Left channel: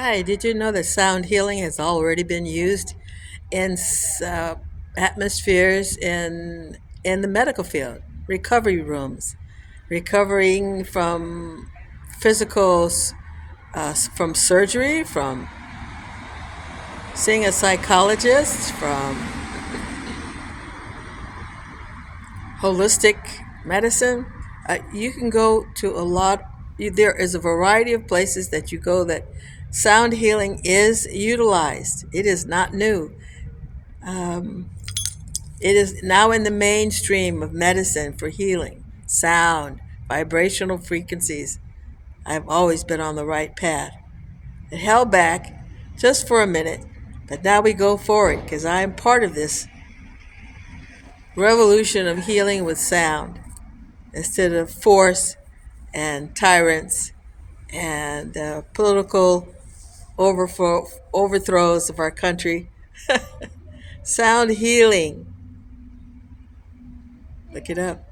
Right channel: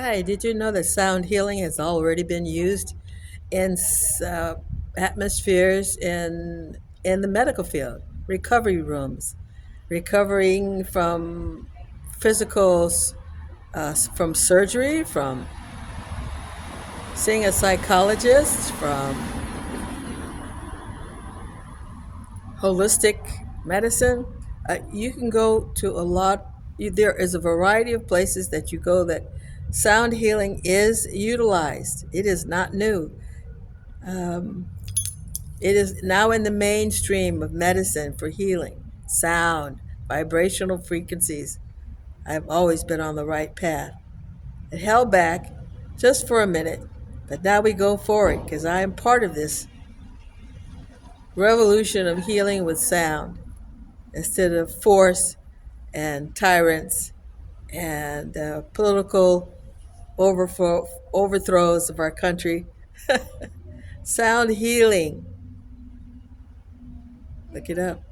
Hi, did you know that sound healing has already been used in atmospheres in the medical field, recovery rooms, recovering from physical, from surgery, from seeing a psychologist, from holistic medicine? You can go to a lot. There is a variety of places that you go that sound healing is utilized. It is not new. Um, it is now in the mainstream of medicine for healing. Sound, vibrational frequencies. I've always been on the right path. It held back just for a minute, but now we go forward because I am part of this revolution of healing with sound instead of force and tyrants and political overthrows of our country. Sound healing. Look it up.